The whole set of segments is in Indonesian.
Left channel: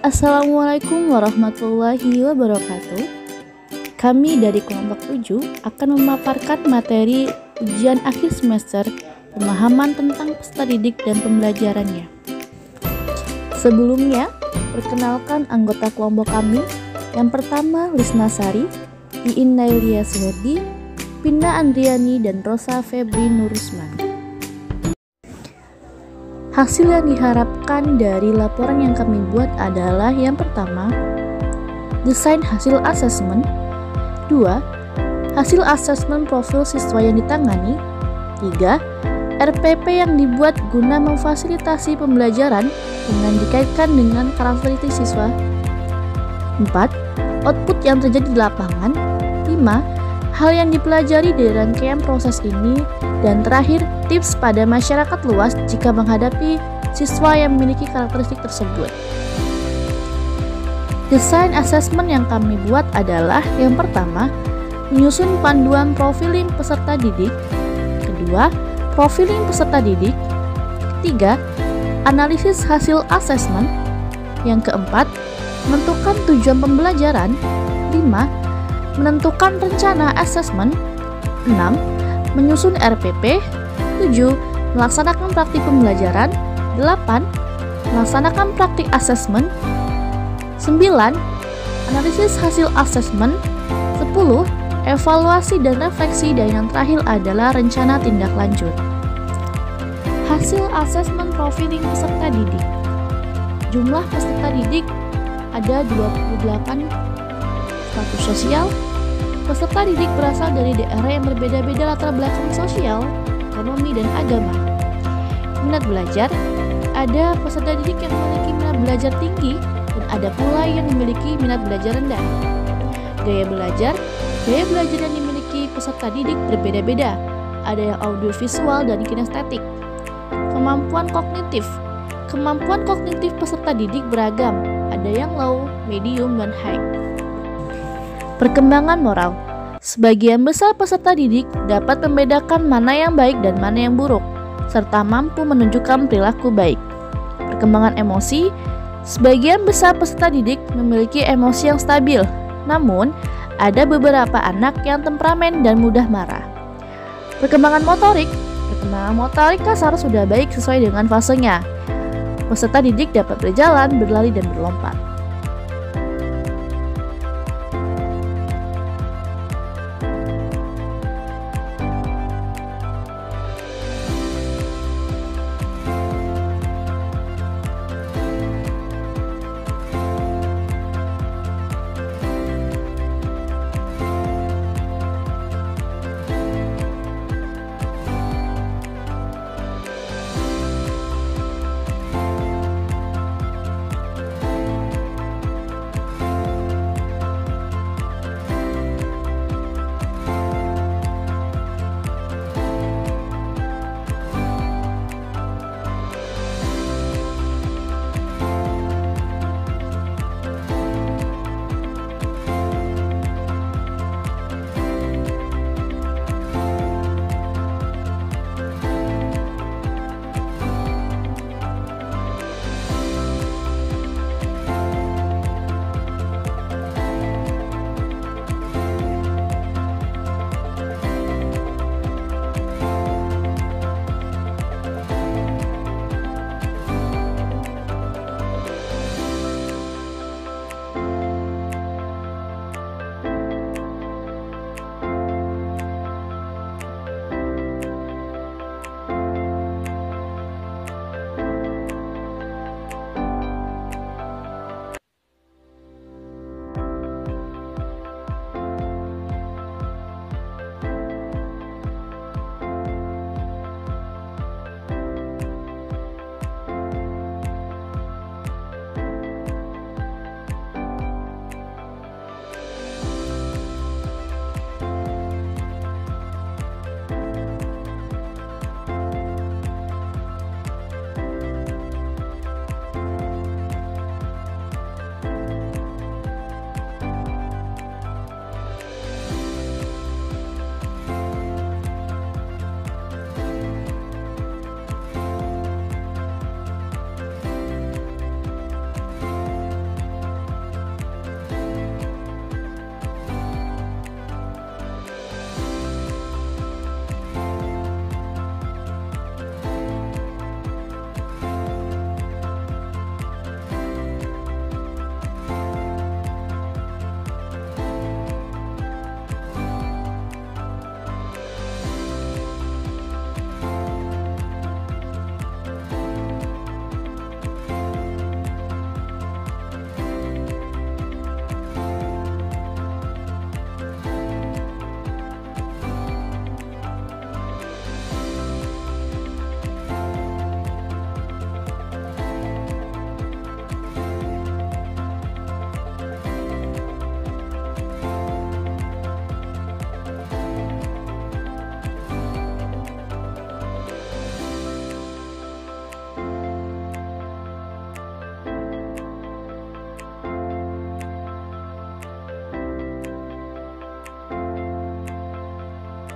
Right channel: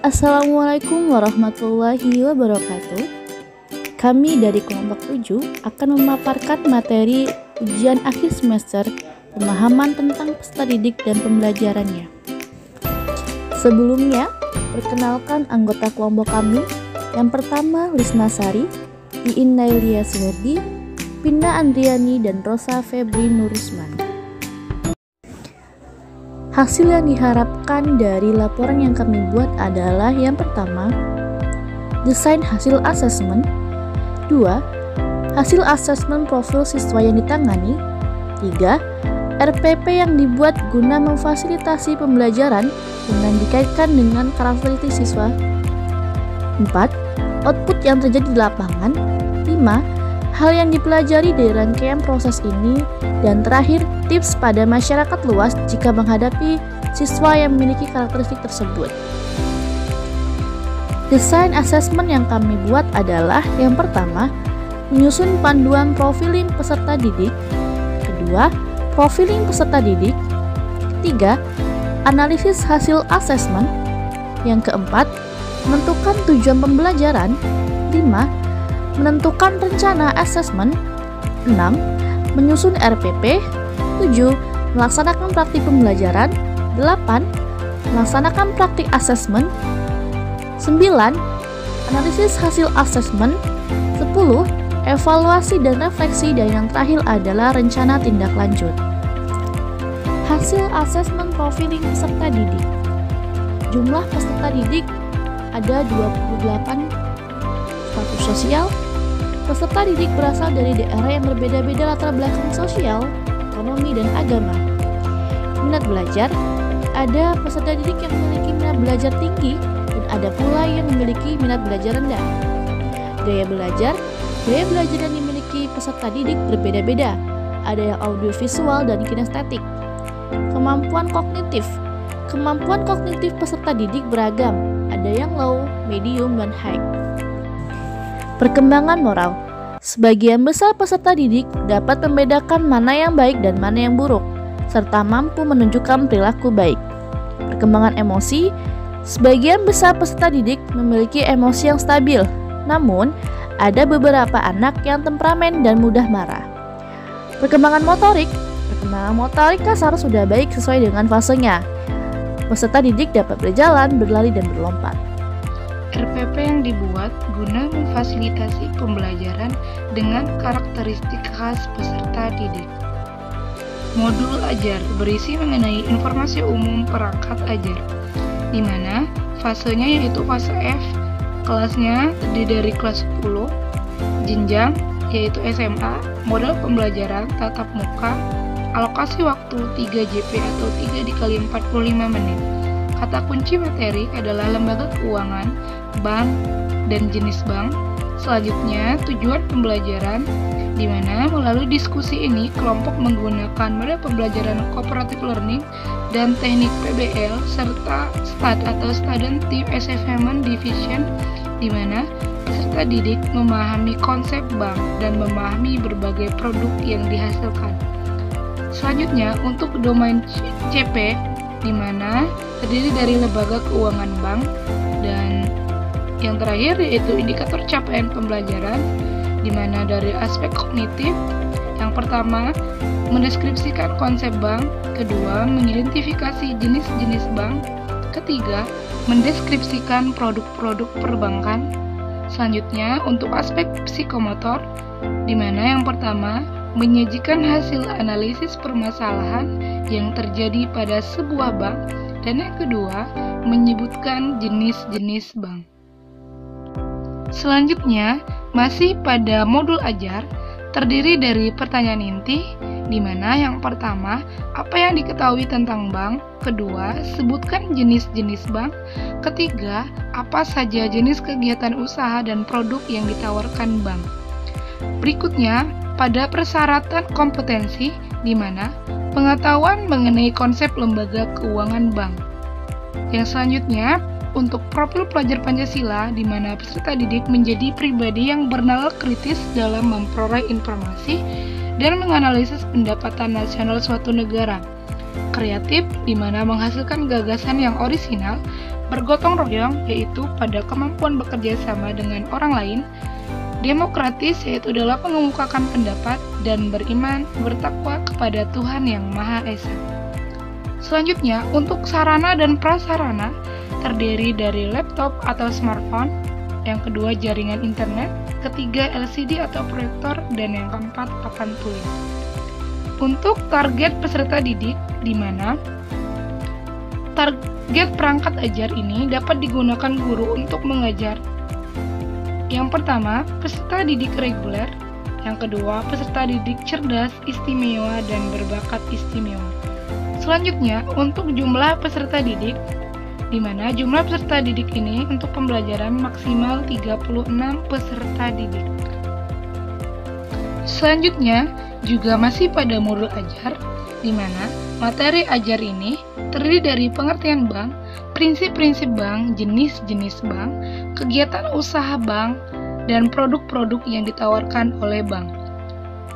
Assalamualaikum warahmatullahi wabarakatuh. Kami dari kelompok 7 akan memaparkan materi ujian akhir semester pemahaman tentang peserta didik dan pembelajarannya. Sebelumnya, perkenalkan anggota kelompok kami. Yang pertama, Lisna Sari, Iin Nailia Suherdi, Pinda Andriani, dan Rosa Febri Nurusman. Hasil yang diharapkan dari laporan yang kami buat adalah yang pertama, desain hasil asesmen. 2. Hasil asesmen profil siswa yang ditangani. 3. RPP yang dibuat guna memfasilitasi pembelajaran dengan dikaitkan dengan karakteristik siswa. 4. Output yang terjadi di lapangan. 5. Hal yang dipelajari dari rangkaian proses ini. Dan terakhir, tips pada masyarakat luas jika menghadapi siswa yang memiliki karakteristik tersebut. Desain asesmen yang kami buat adalah yang pertama, menyusun panduan profiling peserta didik. Kedua, profiling peserta didik. Ketiga, analisis hasil asesmen. Yang keempat, menentukan tujuan pembelajaran. 5. Menentukan rencana asesmen. 6. Menyusun RPP. 7. Melaksanakan praktik pembelajaran. 8. Melaksanakan praktik asesmen. 9. Analisis hasil asesmen. 10. Evaluasi dan refleksi. Dan yang terakhir adalah rencana tindak lanjut. Hasil asesmen profiling peserta didik. Jumlah peserta didik ada 28 status sosial. Peserta didik berasal dari daerah yang berbeda-beda latar belakang sosial, ekonomi, dan agama. Minat belajar, ada peserta didik yang memiliki minat belajar tinggi dan ada pula yang memiliki minat belajar rendah. Gaya belajar yang dimiliki peserta didik berbeda-beda. Ada yang audiovisual dan kinestetik. Kemampuan kognitif peserta didik beragam. Ada yang low, medium, dan high. Perkembangan moral. Sebagian besar peserta didik dapat membedakan mana yang baik dan mana yang buruk, serta mampu menunjukkan perilaku baik. Perkembangan emosi. Sebagian besar peserta didik memiliki emosi yang stabil, namun ada beberapa anak yang temperamen dan mudah marah. Perkembangan motorik kasar sudah baik sesuai dengan fasenya. Peserta didik dapat berjalan, berlari, dan berlompat. RPP yang dibuat guna memfasilitasi pembelajaran dengan karakteristik khas peserta didik. Modul ajar berisi mengenai informasi umum perangkat ajar, di mana fasenya yaitu fase F, kelasnya terdiri dari kelas 10, jenjang yaitu SMA, model pembelajaran tatap muka, alokasi waktu 3 JP atau 3 dikali 45 menit. Kata kunci materi adalah lembaga keuangan, bank, dan jenis bank. Selanjutnya, tujuan pembelajaran, di mana melalui diskusi ini kelompok menggunakan model pembelajaran cooperative learning dan teknik PBL serta STAD atau Student Team Assessment Division, di mana peserta didik memahami konsep bank dan memahami berbagai produk yang dihasilkan. Selanjutnya, untuk domain CP, di mana terdiri dari lembaga keuangan bank, dan yang terakhir yaitu indikator capaian pembelajaran, di mana dari aspek kognitif, yang pertama mendeskripsikan konsep bank, kedua mengidentifikasi jenis-jenis bank, ketiga mendeskripsikan produk-produk perbankan. Selanjutnya, untuk aspek psikomotor, di mana yang pertama menyajikan hasil analisis permasalahan yang terjadi pada sebuah bank, dan yang kedua menyebutkan jenis-jenis bank. Selanjutnya, masih pada modul ajar, terdiri dari pertanyaan inti, di mana yang pertama, apa yang diketahui tentang bank, kedua, sebutkan jenis-jenis bank, ketiga, apa saja jenis kegiatan usaha dan produk yang ditawarkan bank. Berikutnya, pada persyaratan kompetensi, di mana pengetahuan mengenai konsep lembaga keuangan bank. Yang selanjutnya, untuk profil pelajar Pancasila, di mana peserta didik menjadi pribadi yang bernalar kritis dalam memperoleh informasi dan menganalisis pendapatan nasional suatu negara. Kreatif, di mana menghasilkan gagasan yang orisinal, bergotong royong yaitu pada kemampuan bekerja sama dengan orang lain, demokratis yaitu dalam mengemukakan pendapat, dan beriman bertakwa kepada Tuhan yang Maha Esa. Selanjutnya, untuk sarana dan prasarana terdiri dari laptop atau smartphone, yang kedua jaringan internet, ketiga LCD atau proyektor, dan yang keempat papan tulis. Untuk target peserta didik, di mana target perangkat ajar ini dapat digunakan guru untuk mengajar. Yang pertama, peserta didik reguler. Yang kedua, peserta didik cerdas, istimewa, dan berbakat istimewa. Selanjutnya, untuk jumlah peserta didik, di mana jumlah peserta didik ini untuk pembelajaran maksimal 36 peserta didik. Selanjutnya, juga masih pada modul ajar, di mana materi ajar ini terdiri dari pengertian bank, prinsip-prinsip bank, jenis-jenis bank, kegiatan usaha bank, dan produk-produk yang ditawarkan oleh bank.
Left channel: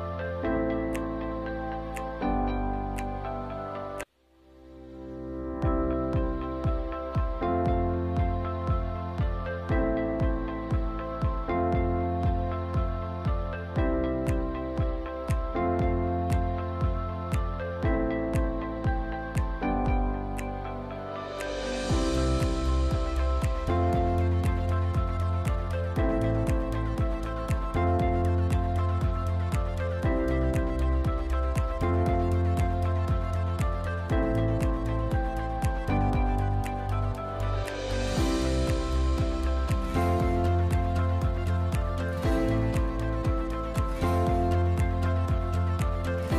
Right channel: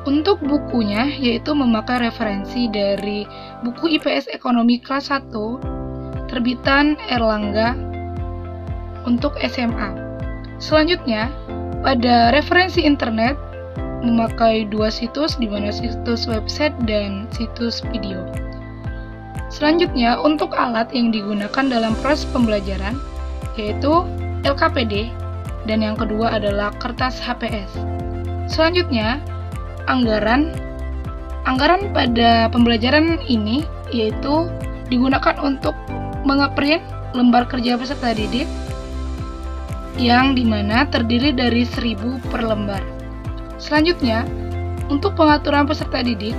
Untuk bukunya, yaitu memakai referensi dari buku IPS Ekonomi kelas 1, terbitan Erlangga untuk SMA. Selanjutnya, pada referensi internet, memakai dua situs, di mana situs website dan situs video. Selanjutnya, untuk alat yang digunakan dalam proses pembelajaran, yaitu LKPD, dan yang kedua adalah kertas HPS. Selanjutnya, anggaran pada pembelajaran ini yaitu digunakan untuk mengeprint lembar kerja peserta didik yang dimana terdiri dari 1000 per lembar. Selanjutnya, untuk pengaturan peserta didik,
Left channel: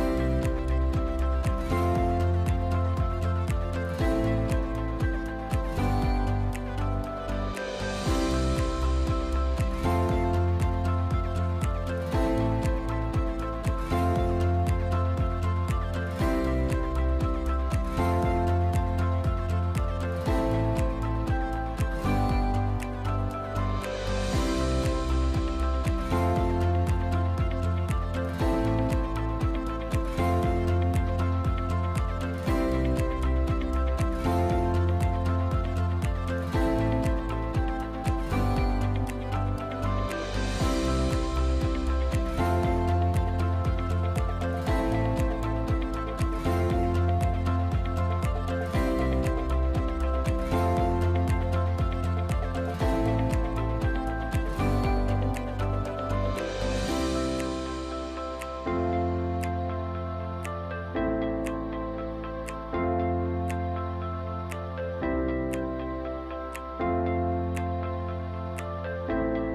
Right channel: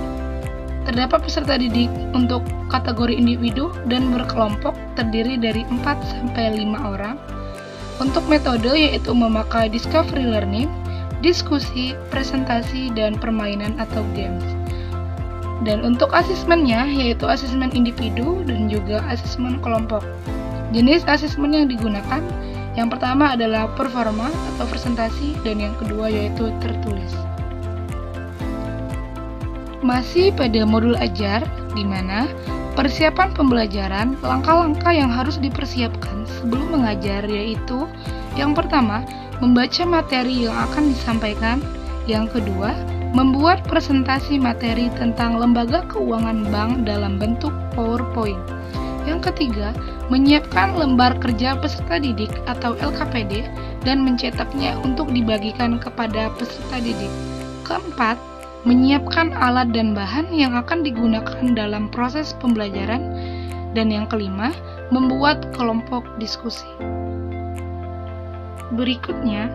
terdapat peserta didik untuk kategori individu dan berkelompok terdiri dari 4-5 orang. Untuk metode yaitu memakai discovery learning, diskusi, presentasi, dan permainan atau games. Dan untuk asesmennya yaitu asesmen individu dan juga asesmen kelompok. Jenis asesmen yang digunakan, yang pertama adalah performa atau presentasi, dan yang kedua yaitu tertulis. Masih pada modul ajar, di mana persiapan pembelajaran, langkah-langkah yang harus dipersiapkan sebelum mengajar yaitu yang pertama, membaca materi yang akan disampaikan. Yang kedua, membuat presentasi materi tentang lembaga keuangan bank dalam bentuk PowerPoint. Yang ketiga, menyiapkan lembar kerja peserta didik atau LKPD dan mencetaknya untuk dibagikan kepada peserta didik. Keempat, menyiapkan alat dan bahan yang akan digunakan dalam proses pembelajaran. Dan yang kelima, membuat kelompok diskusi. Berikutnya,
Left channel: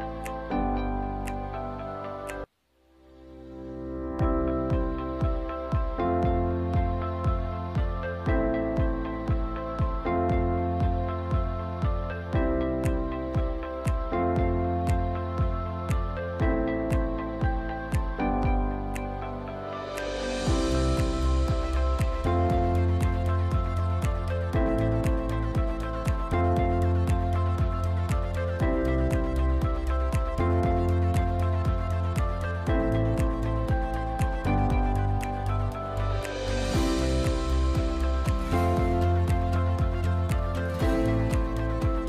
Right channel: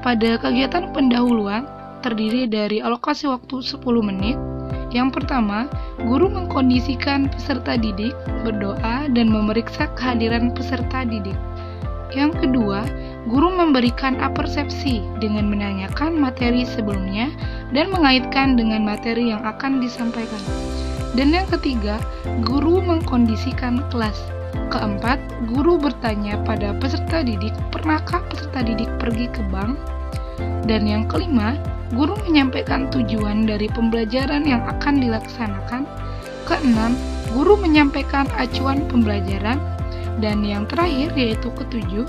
pada kegiatan pendahuluan terdiri dari alokasi waktu 10 menit. Yang pertama, guru mengkondisikan peserta didik, berdoa, dan memeriksa kehadiran peserta didik. Yang kedua, guru memberikan apersepsi dengan menanyakan materi sebelumnya dan mengaitkan dengan materi yang akan disampaikan. Dan yang ketiga, guru mengkondisikan kelas. Keempat, guru bertanya pada peserta didik, pernahkah peserta didik pergi ke bank? Dan yang kelima, guru menyampaikan tujuan dari pembelajaran yang akan dilaksanakan. Keenam, guru menyampaikan acuan pembelajaran. Dan yang terakhir yaitu ketujuh,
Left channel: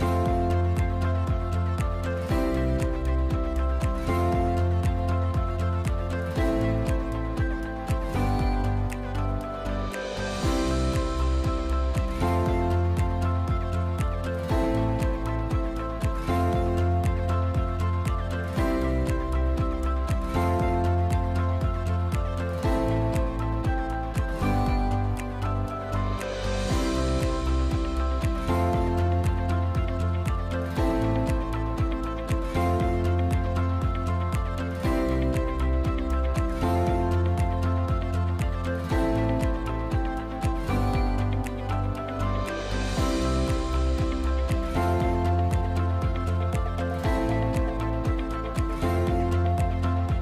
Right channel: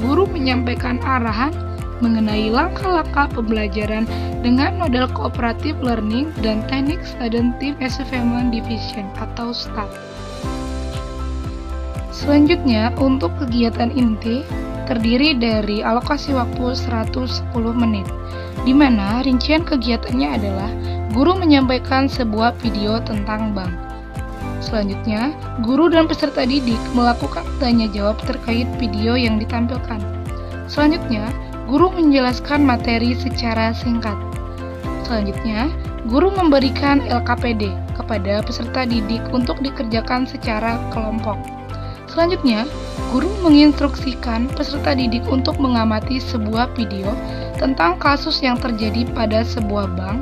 guru menyampaikan arahan mengenai langkah-langkah pembelajaran dengan model cooperative learning dan teknik student team assessment division atau STAD. Selanjutnya, untuk kegiatan inti terdiri dari alokasi waktu 110 menit, di mana rincian kegiatannya adalah guru menyampaikan sebuah video tentang bank. Selanjutnya, guru dan peserta didik melakukan tanya jawab terkait video yang ditampilkan. Selanjutnya, guru menjelaskan materi secara singkat. Selanjutnya, guru memberikan LKPD kepada peserta didik untuk dikerjakan secara kelompok. Selanjutnya, guru menginstruksikan peserta didik untuk mengamati sebuah video tentang kasus yang terjadi pada sebuah bank.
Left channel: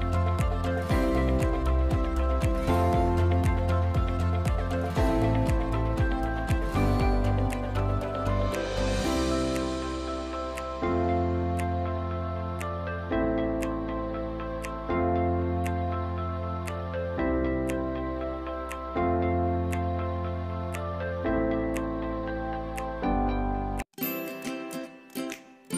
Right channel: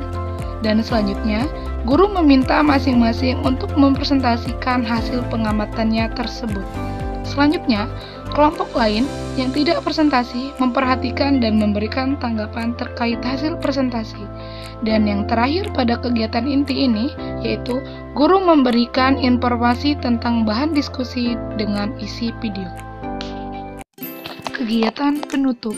Dan selanjutnya, guru meminta masing-masing untuk mempresentasikan hasil pengamatannya tersebut. Selanjutnya, kelompok lain yang tidak presentasi memperhatikan dan memberikan tanggapan terkait hasil presentasi. Dan yang terakhir pada kegiatan inti ini, yaitu guru memberikan informasi tentang bahan diskusi dengan isi video. Kegiatan penutup.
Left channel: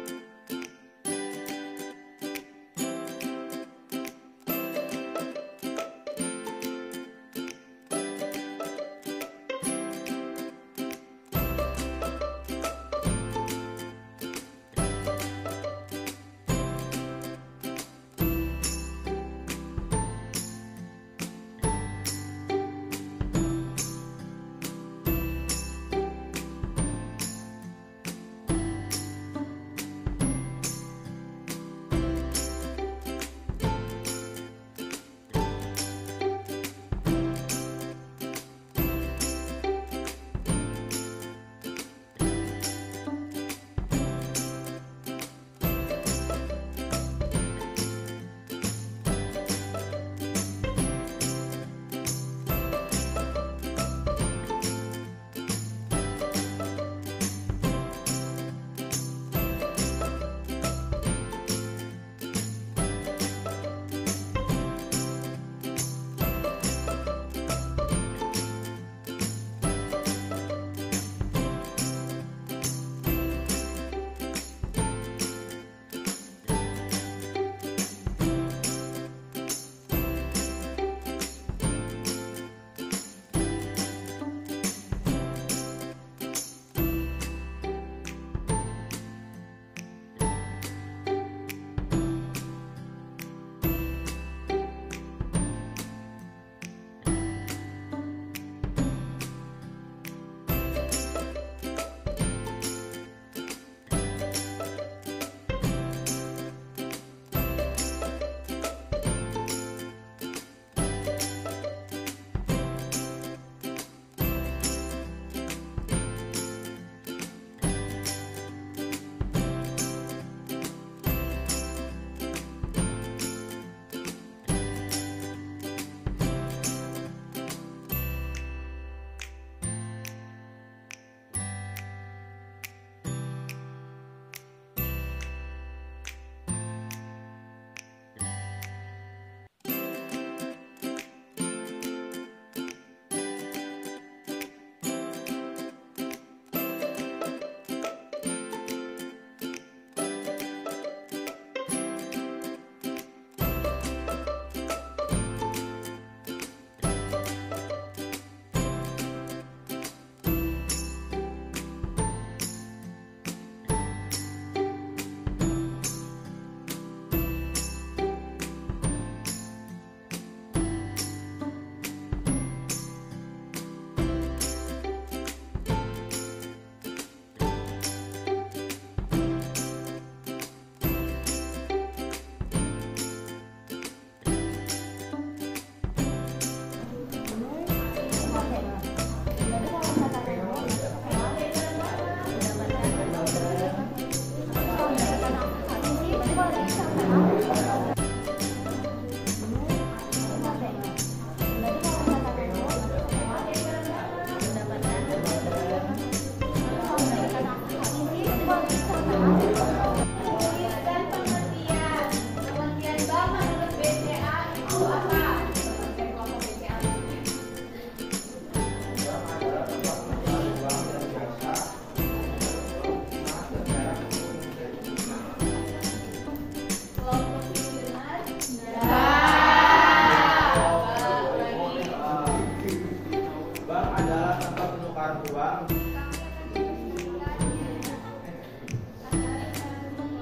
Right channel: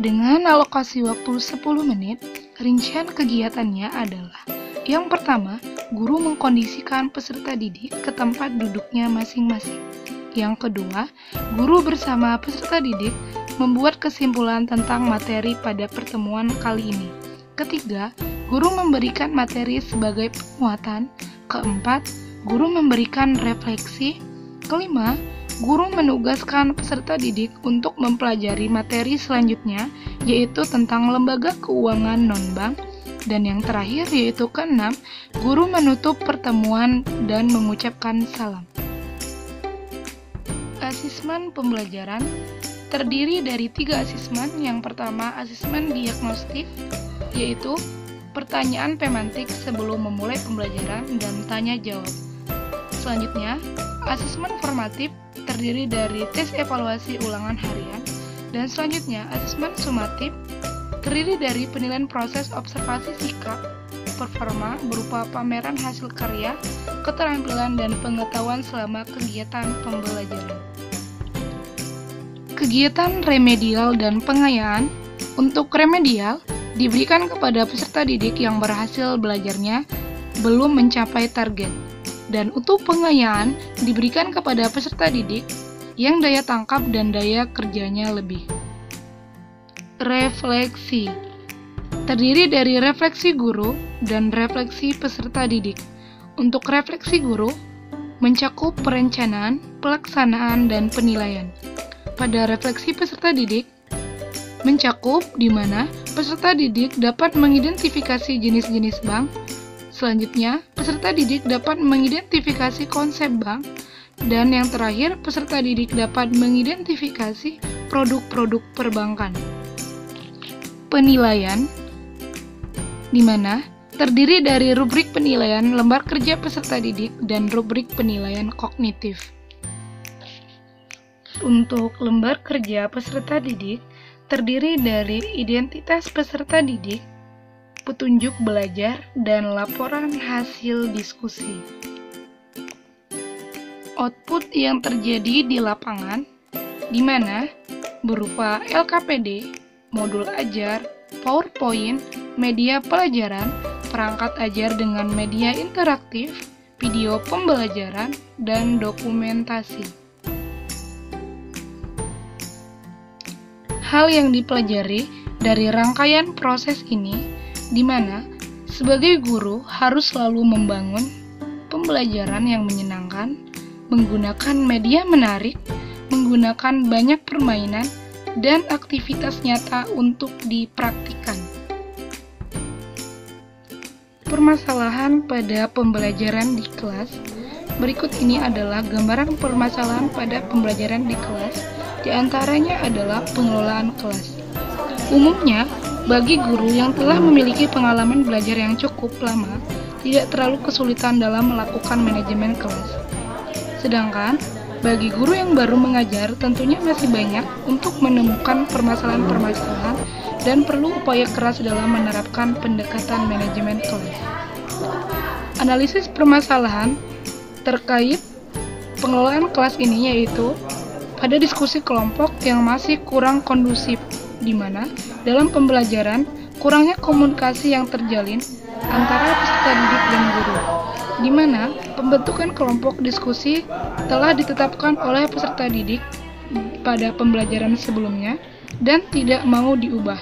Dengan alokasi waktu 10 menit, rincian kegiatannya adalah: yang pertama, guru mengkondisikan peserta didik ke tempat duduknya masing-masing. Yang kedua, guru bersama peserta didik membuat kesimpulan tentang materi pada pertemuan kali ini. Ketiga, guru memberikan materi sebagai penguatan. Keempat, guru memberikan refleksi. Kelima, guru menugaskan peserta didik untuk mempelajari materi selanjutnya, yaitu tentang lembaga keuangan non-bank. Dan yang terakhir yaitu keenam, guru menutup pertemuan dan mengucapkan salam. Asesmen pembelajaran terdiri dari 3 asesmen. Yang pertama, asesmen diagnostik, yaitu pertanyaan pemantik sebelum memulai pembelajaran dan tanya jawab. Selanjutnya, asesmen formatif terdiri dari tes evaluasi ulangan harian. Dan selanjutnya, asesmen sumatif terdiri dari penilaian proses observasi sikap performa berupa pameran hasil karya, keterampilan, dan pengetahuan selama kegiatan pembelajaran. Kegiatan remedial dan pengayaan. Untuk remedial, diberikan kepada peserta didik yang berhasil belajarnya belum mencapai target. Dan untuk pengayaan, diberikan kepada peserta didik yang daya tangkap dan daya kerjanya lebih. Refleksi terdiri dari refleksi guru dan refleksi peserta didik. Untuk refleksi guru, mencakup perencanaan, pelaksanaan, dan penilaian. Pada refleksi peserta didik, mencakup di mana peserta didik dapat mengidentifikasi jenis-jenis bank. Selanjutnya, peserta didik dapat mengidentifikasi konsep bank. Dan yang terakhir, peserta didik dapat mengidentifikasi produk-produk perbankan. Penilaian, di mana terdiri dari rubrik penilaian lembar kerja peserta didik dan rubrik penilaian kognitif. Untuk lembar kerja peserta didik terdiri dari identitas peserta didik, petunjuk belajar, dan laporan hasil diskusi. Output yang terjadi di lapangan, di mana berupa LKPD, modul ajar, PowerPoint, media pelajaran, perangkat ajar dengan media interaktif, video pembelajaran, dan dokumentasi. Hal yang dipelajari dari rangkaian proses ini, di mana sebagai guru harus selalu membangun pembelajaran yang menyenangkan, menggunakan media menarik, menggunakan banyak permainan, dan aktivitas nyata untuk dipraktikkan. Permasalahan pada pembelajaran di kelas. Berikut ini adalah gambaran permasalahan pada pembelajaran di kelas. Di antaranya adalah pengelolaan kelas. Umumnya, bagi guru yang telah memiliki pengalaman belajar yang cukup lama, tidak terlalu kesulitan dalam melakukan manajemen kelas. Sedangkan, bagi guru yang baru mengajar, tentunya masih banyak untuk menemukan permasalahan-permasalahan dan perlu upaya keras dalam menerapkan pendekatan manajemen kelas. Analisis permasalahan terkait pengelolaan kelas ini yaitu ada diskusi kelompok yang masih kurang kondusif, di mana dalam pembelajaran kurangnya komunikasi yang terjalin antara peserta didik dan guru, di mana pembentukan kelompok diskusi telah ditetapkan oleh peserta didik pada pembelajaran sebelumnya dan tidak mau diubah.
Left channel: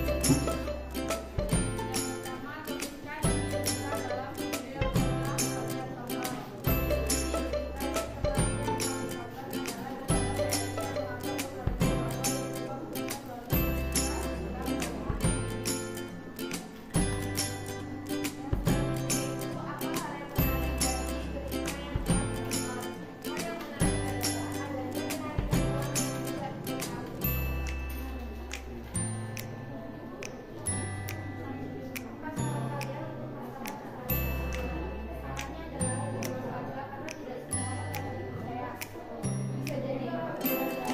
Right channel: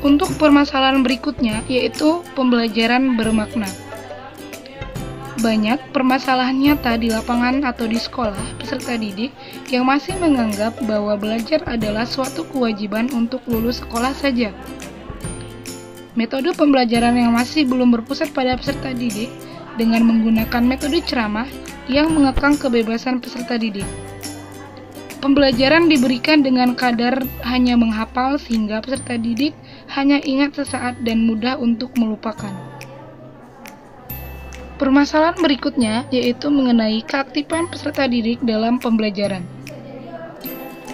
Untuk permasalahan berikutnya yaitu pembelajaran bermakna. Banyak permasalahan nyata di lapangan atau di sekolah peserta didik yang masih menganggap bahwa belajar adalah suatu kewajiban untuk lulus sekolah saja. Metode pembelajaran yang masih belum berpusat pada peserta didik dengan menggunakan metode ceramah yang mengekang kebebasan peserta didik. Pembelajaran diberikan dengan kadar hanya menghafal sehingga peserta didik hanya ingat sesaat dan mudah untuk melupakan. Permasalahan berikutnya yaitu mengenai keaktifan peserta didik dalam pembelajaran.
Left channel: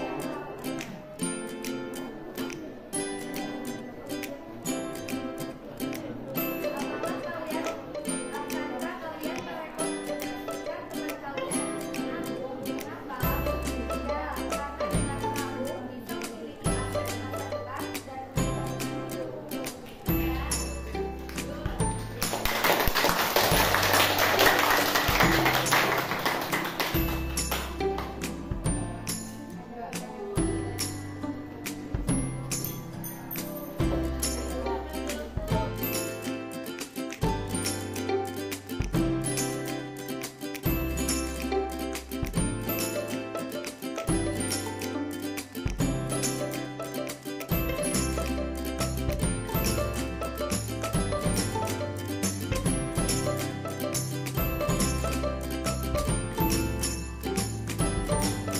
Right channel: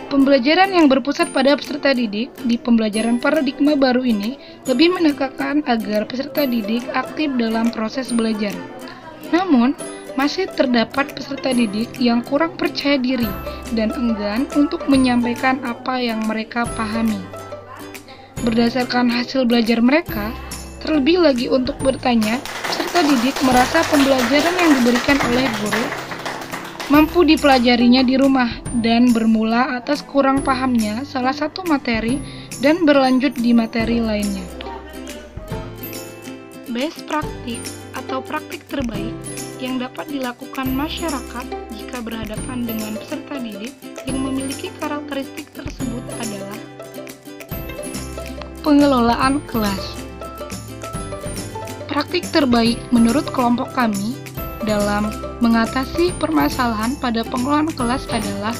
Pembelajaran yang berpusat pada peserta didik di pembelajaran paradigma baru ini lebih menekankan agar peserta didik aktif dalam proses belajar. Namun, masih terdapat peserta didik yang kurang percaya diri dan enggan untuk menyampaikan apa yang mereka pahami. Berdasarkan hasil belajar mereka, terlebih lagi untuk bertanya, peserta didik merasa pembelajaran yang diberikan oleh guru mampu dipelajarinya di rumah dan bermula atas kurang pahamnya salah satu materi dan berlanjut di materi lainnya. Best practice atau praktik terbaik yang dapat dilakukan masyarakat jika berhadapan dengan peserta didik yang memiliki karakteristik tersebut adalah pengelolaan kelas. Praktik terbaik menurut kelompok kami dalam mengatasi permasalahan pada pengelolaan kelas adalah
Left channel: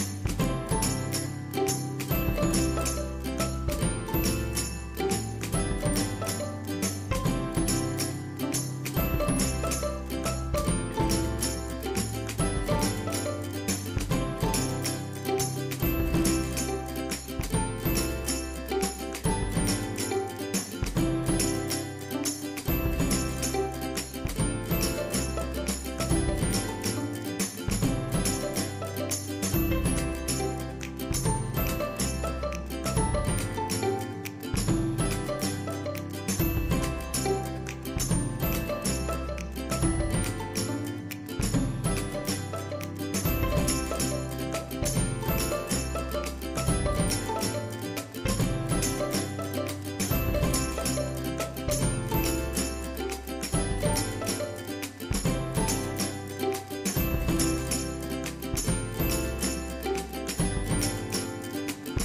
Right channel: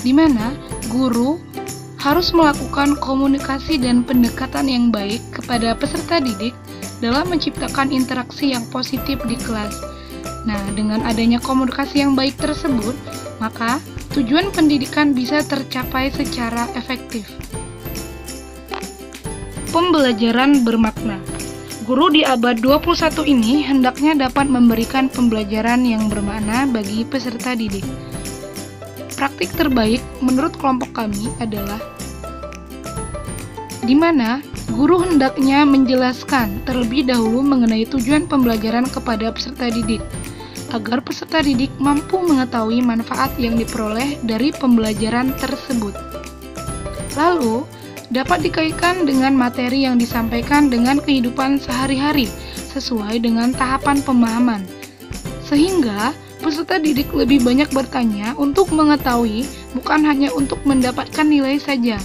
di mana guru harus melakukan komunikasi dan pendekatan yang baik kepada peserta didik dalam menciptakan interaksi yang positif di kelas. Nah, dengan adanya komunikasi yang baik tersebut, maka tujuan pendidikan bisa tercapai secara efektif. Pembelajaran bermakna. Guru di abad 21 ini hendaknya dapat memberikan pembelajaran yang bermakna bagi peserta didik. Praktik terbaik menurut kelompok kami adalah di mana guru hendaknya menjelaskan terlebih dahulu mengenai tujuan pembelajaran kepada peserta didik, agar peserta didik mampu mengetahui manfaat yang diperoleh dari pembelajaran tersebut. Lalu, dapat dikaitkan dengan materi yang disampaikan dengan kehidupan sehari-hari sesuai dengan tahapan pemahaman, sehingga peserta didik lebih banyak bertanya untuk mengetahui, bukan hanya untuk mendapatkan nilai saja.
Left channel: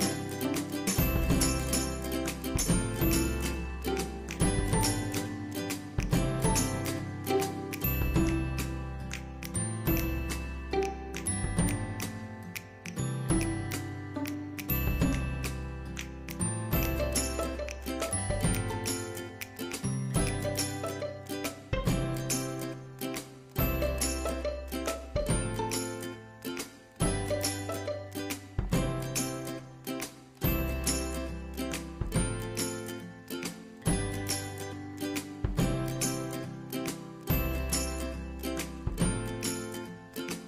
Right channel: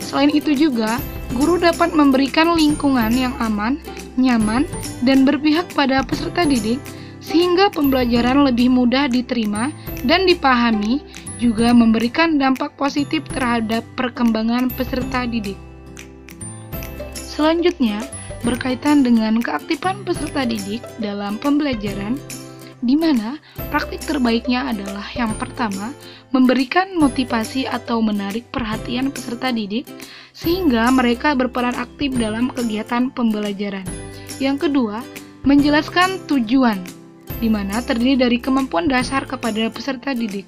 Selain itu juga, guru dapat memberikan lingkungan yang aman, nyaman, dan berpihak pada peserta didik sehingga pembelajaran lebih mudah diterima dan dipahami, juga memberikan dampak positif terhadap perkembangan peserta didik. Selanjutnya, berkaitan dengan keaktifan peserta didik dalam pembelajaran, di mana praktik terbaiknya adalah yang pertama, memberikan motivasi atau menarik perhatian peserta didik sehingga mereka berperan aktif dalam kegiatan pembelajaran. Yang kedua, menjelaskan tujuan, di mana terdiri dari kemampuan dasar kepada peserta didik.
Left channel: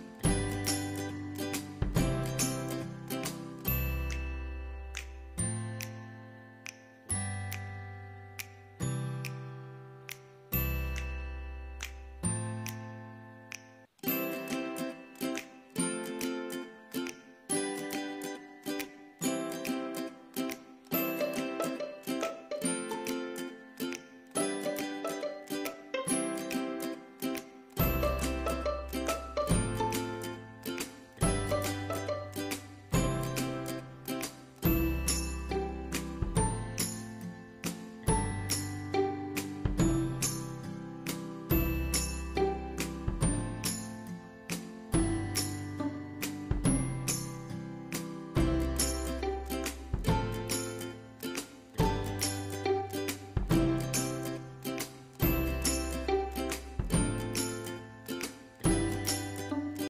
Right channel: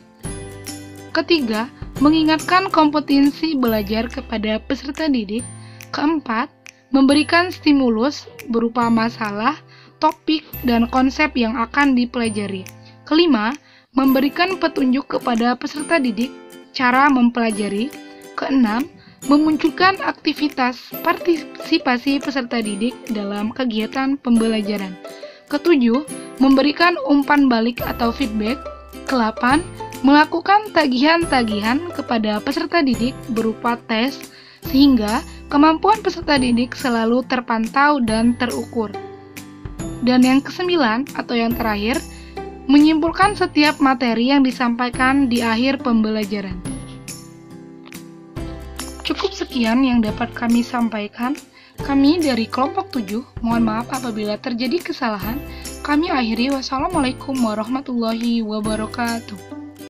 Ketiga, mengingatkan kompetensi belajar kepada peserta didik. Keempat, memberikan stimulus berupa masalah, topik, dan konsep yang akan dipelajari. Kelima, memberikan petunjuk kepada peserta didik cara mempelajari. Keenam, memunculkan aktivitas partisipasi peserta didik dalam kegiatan pembelajaran. Ketujuh, memberikan umpan balik atau feedback. Kedelapan, melakukan tagihan-tagihan kepada peserta didik berupa tes, sehingga kemampuan peserta didik selalu terpantau dan terukur. Dan yang kesembilan atau yang terakhir, menyimpulkan setiap materi yang disampaikan di akhir pembelajaran. Cukup sekian yang dapat kami sampaikan. Kami dari kelompok 7, mohon maaf apabila terjadi kesalahan. Kami akhiri, wassalamualaikum warahmatullahi wabarakatuh.